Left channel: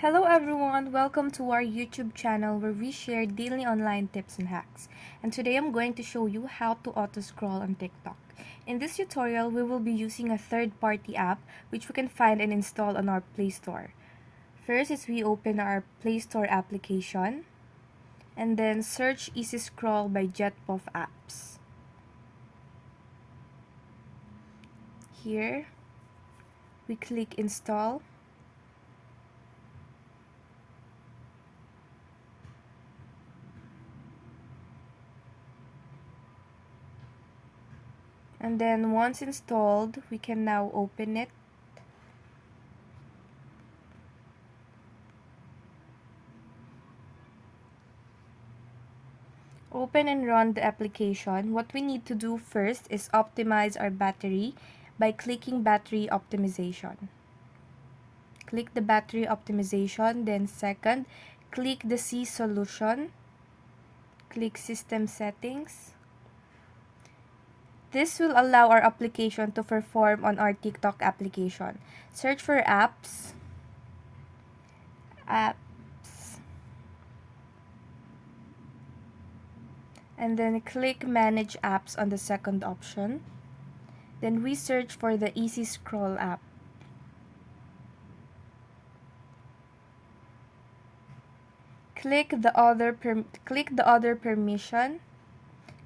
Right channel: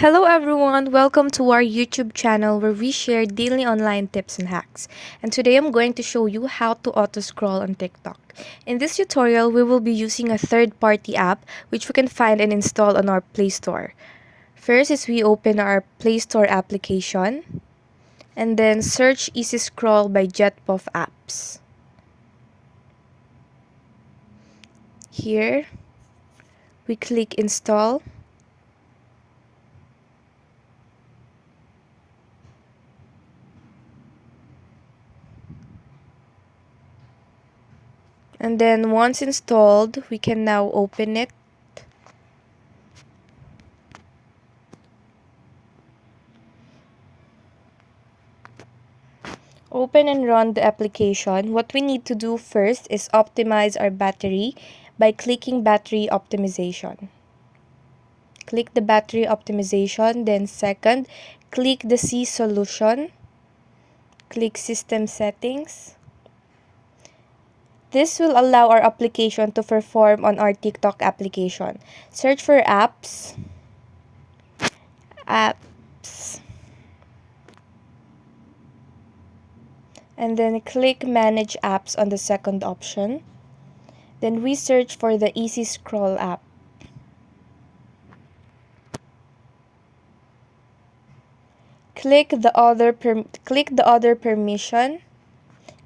Hello everyone, welcome to our YouTube channel where we share daily online tips and hacks. And today I'm going to show you how to auto scroll on TikTok. In this tutorial, we will be using a third-party app which we can find and install on our Play Store. First is we open our Play Store application and then search Easy Scroll by Jetpuff Apps. Here, we click install. And then once installed, we can now open it. Open and run the application. What we need to do first is optimize our battery by clicking battery optimization. Click the battery optimization, then second, click the C solution. Click system settings. This will allow our application to perform on our TikTok application. Search for apps. And then click Manage Apps on the second option. Then we search for the Easy Scroll app. Click the other permission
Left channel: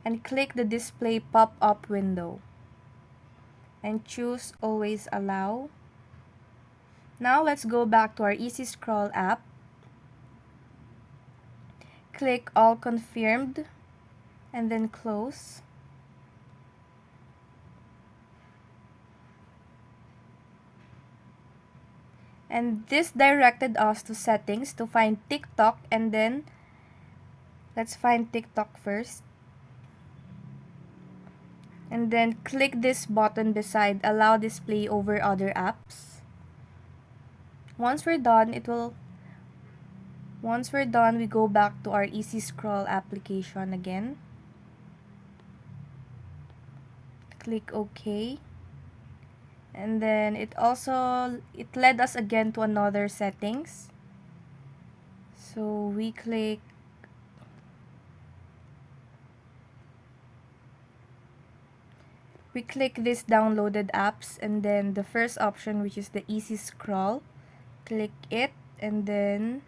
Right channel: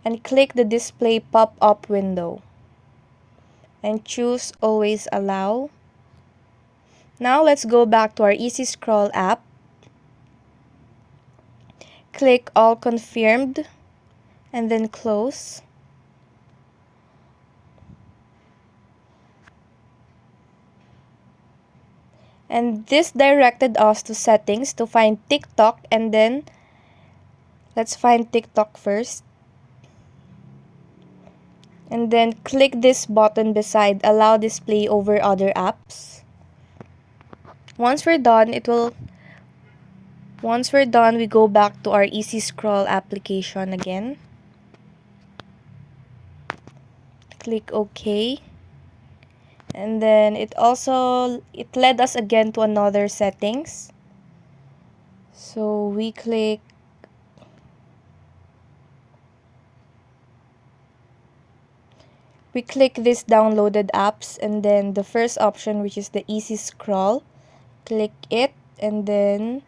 and click the display pop-up window. And choose Always Allow. Now let's go back to our Easy Scroll app. Click All Confirmed and then close. And this directed us to settings to find TikTok, and then let's find TikTok first. And then click this button beside Allow Display over other apps. Once we're done, we go back to our Easy Scroll application again. Click OK. And then it led us again to another settings. So we click this downloaded apps, and then the first option, which is the Easy Scroll, click it and then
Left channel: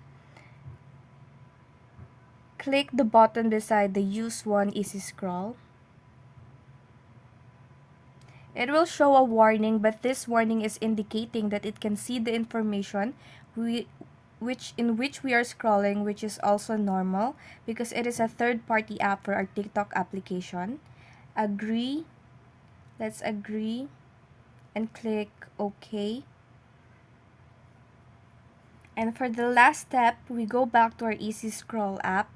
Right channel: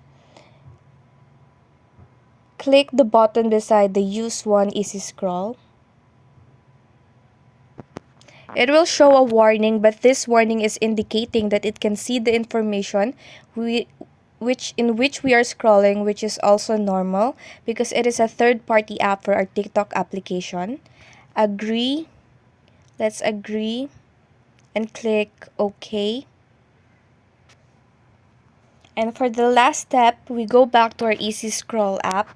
click the button beside the Use One Easy Scroll. It will show a warning, but this warning is indicating that it can see the information in which we are scrolling, which is also normal because it is a third-party app for our TikTok application. Agree. Let's agree and click OK. And for the last step, we go back to our Easy Scroll app.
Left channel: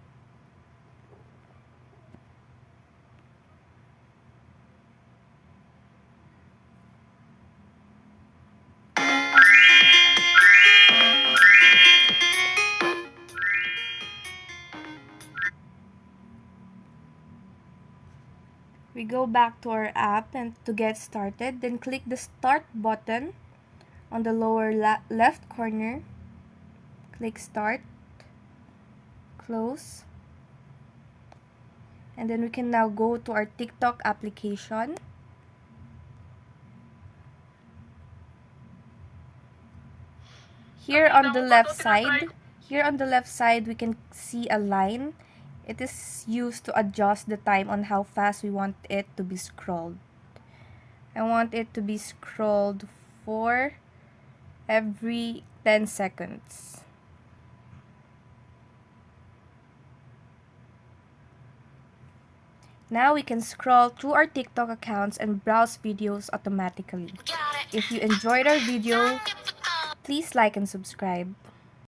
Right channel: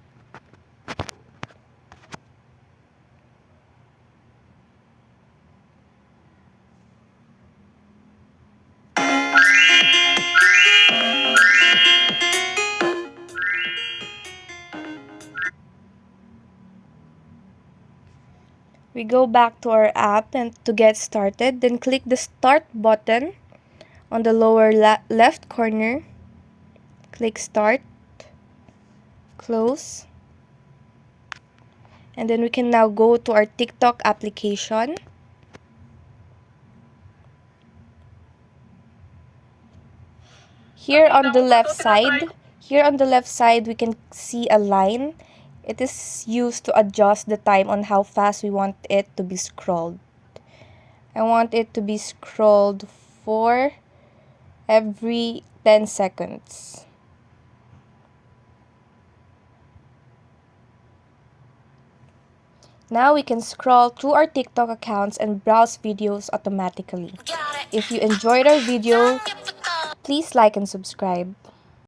We go back to our app and to get started, then click the Start button on the lower left corner. Click Start, close, and then we can now go to our TikTok application. Here on the left side, we can see a line. It is used to adjust the time on how fast we want it to be scrolled. I want it to be scrolled for every 10 seconds. Now we can scroll through our TikTok accounts and browse videos automatically. If you enjoyed our video, please like and subscribe.